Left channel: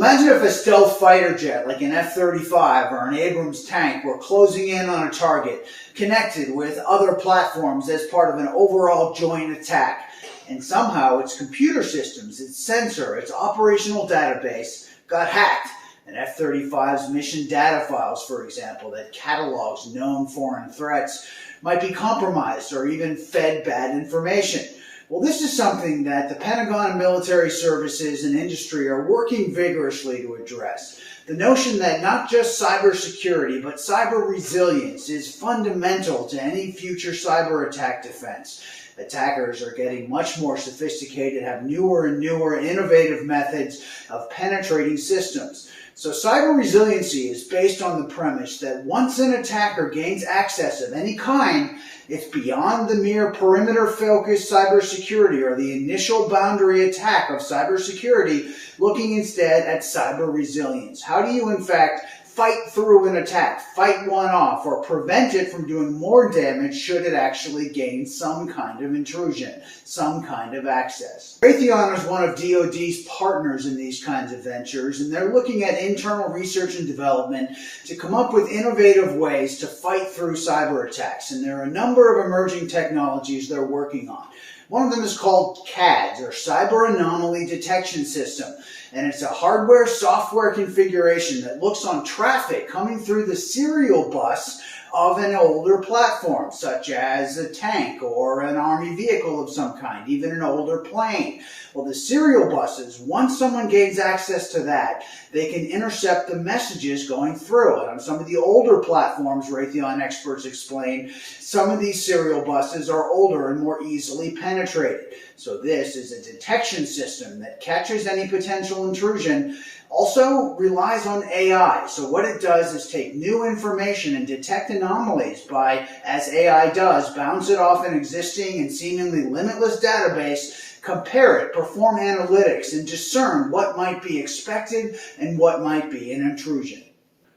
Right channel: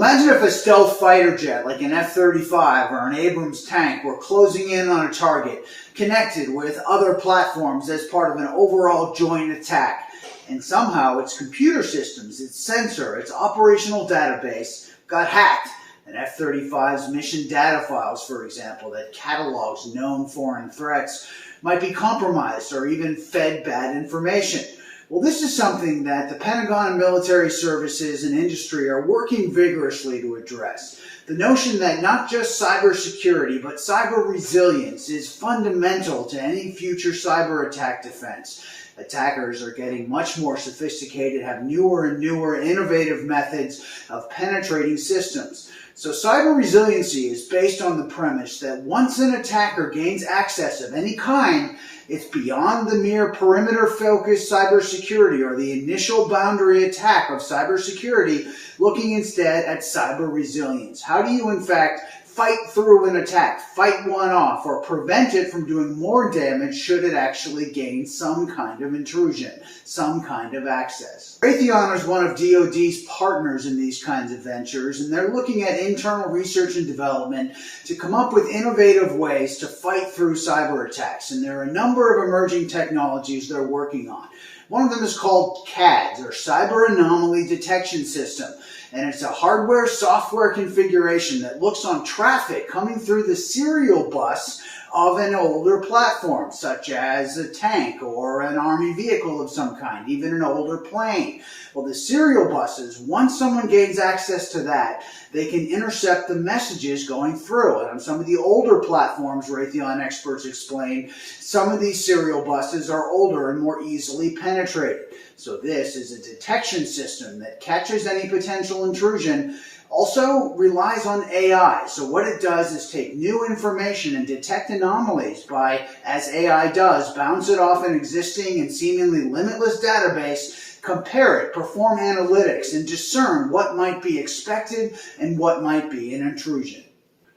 Well, imagine if a stealth fighter jet like an F-35 or an Abrams tank were closing in on a target, connected with other platforms as part of an overall joint attack. And somehow its computer systems, its sensor, its operational database got hacked. An F-35's mission data files, for example, that catalogs known foreign threats, might be compromised or even fed bad information. Well, this is something that the Pentagon and military services and industry are working vigorously to address. The notion that not just cybersecurity, but cyber resilience is fundamental to any future cyber attack defense. Attackers are getting much more sophisticated, have newer and newer innovative methods of penetrating systems. So cyber resiliency is based on the premise that once an attacker gains access of any kind, it's beyond the mere perimeter-focused cybersecurity or the initial boundary attack of cybersecurity, looking instead at cyber resilience. How do you, in fact, fight through an attack, fight one off, or prevent it from doing more damage should it actually gain some kind of intrusion, some kind of access? Raytheon is one of DoD's partners in these kinds of ventures, and they're looking at internal research and development to come up with innovative ways to fight through cyber attacks. And there are a number of emerging technologies they're working on. One of them is called CADS, or Cyber Anomaly Detection System. And it's a hardware-software configuration that looks on traffic coming through the serial bus of an older platform, such as a tank or an army vehicle of some kind, even an older plane. Well, the serial buses, once someone gains access to that, they can intercept the messages going through. And on some of the older platforms, Raytheon experts explain, some of these serial buses are older and more easily penetrated. So this is a detection system that catches any potential intrusion, also relies on AI. So what it does is take new information and detect anomalies by, as AI does, bounce it off an existing and seemingly limitless database, compare it, perform analytics, and discern what might be expected and what might be an intrusion.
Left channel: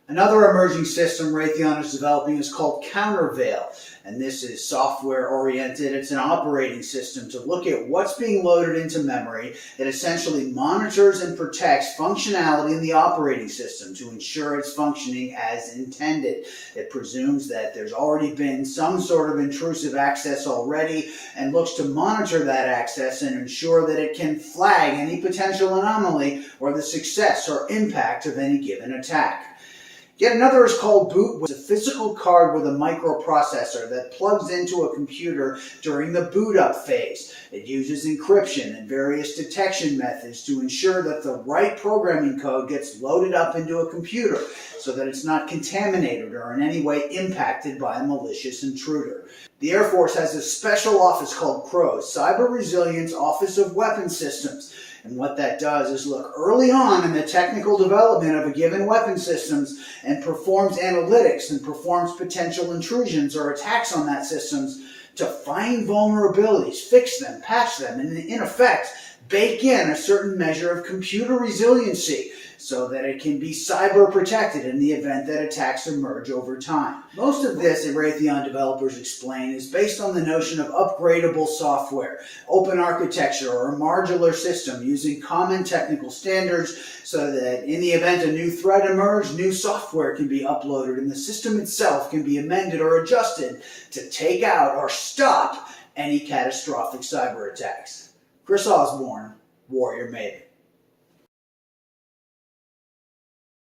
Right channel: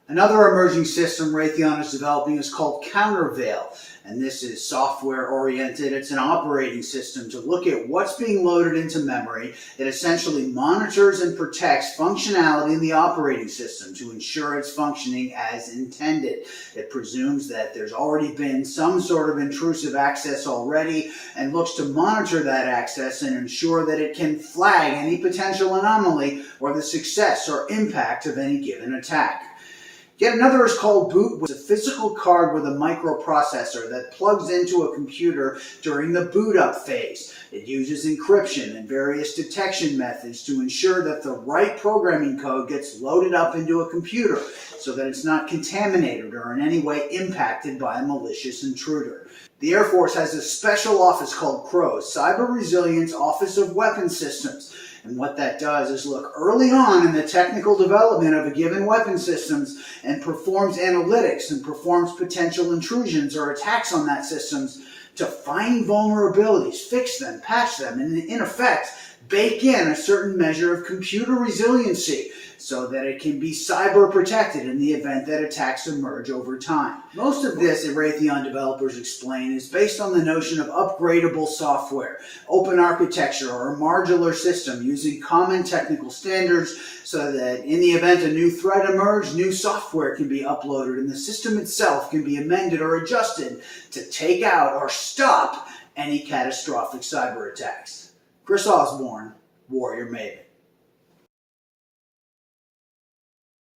Another emerging system Raytheon is developing is called Countervail, and this is software-oriented. It's an operating system to look at what's being loaded into memory. It essentially monitors and protects functionality in the operating system to ensure it's functioning as intended. It presumes that there's already been some sort of intrusive access already and looks to monitor that access and ensure that it can flag any potential anomaly or the success or impact of any given attack. Yet another is called Boot, which is a physical card with a microprocessor that plugs into a computer during the boot up phase. It uses encryption and various detection methods to ensure that the right programming code gets loaded up into a computer so that it's not contaminated or in any way impacted by a malicious intruder. The Air Force has a special office called CROWS, Cyber Resilience Office of Weapons Systems. And what that does is look early on in the technical development of a given weapon systems and performs analytics and performs potential intrusions or attacks on that systems to find vulnerabilities, fix them, patch them, and in effect, bake in a certain measure of computer resiliency so that it can be cyber protected in the event that attacks emerge over time. Most of this, Raytheon developers explain, is based on the notion of upgradable software, open architecture, or a modular system using common technical standards so that in the event a new threat emerges, new software can be uploaded and the system itself can be amended or adjusted to take out or stop any catastrophic cyber attacks. Chris Osborne, Warrior Maven.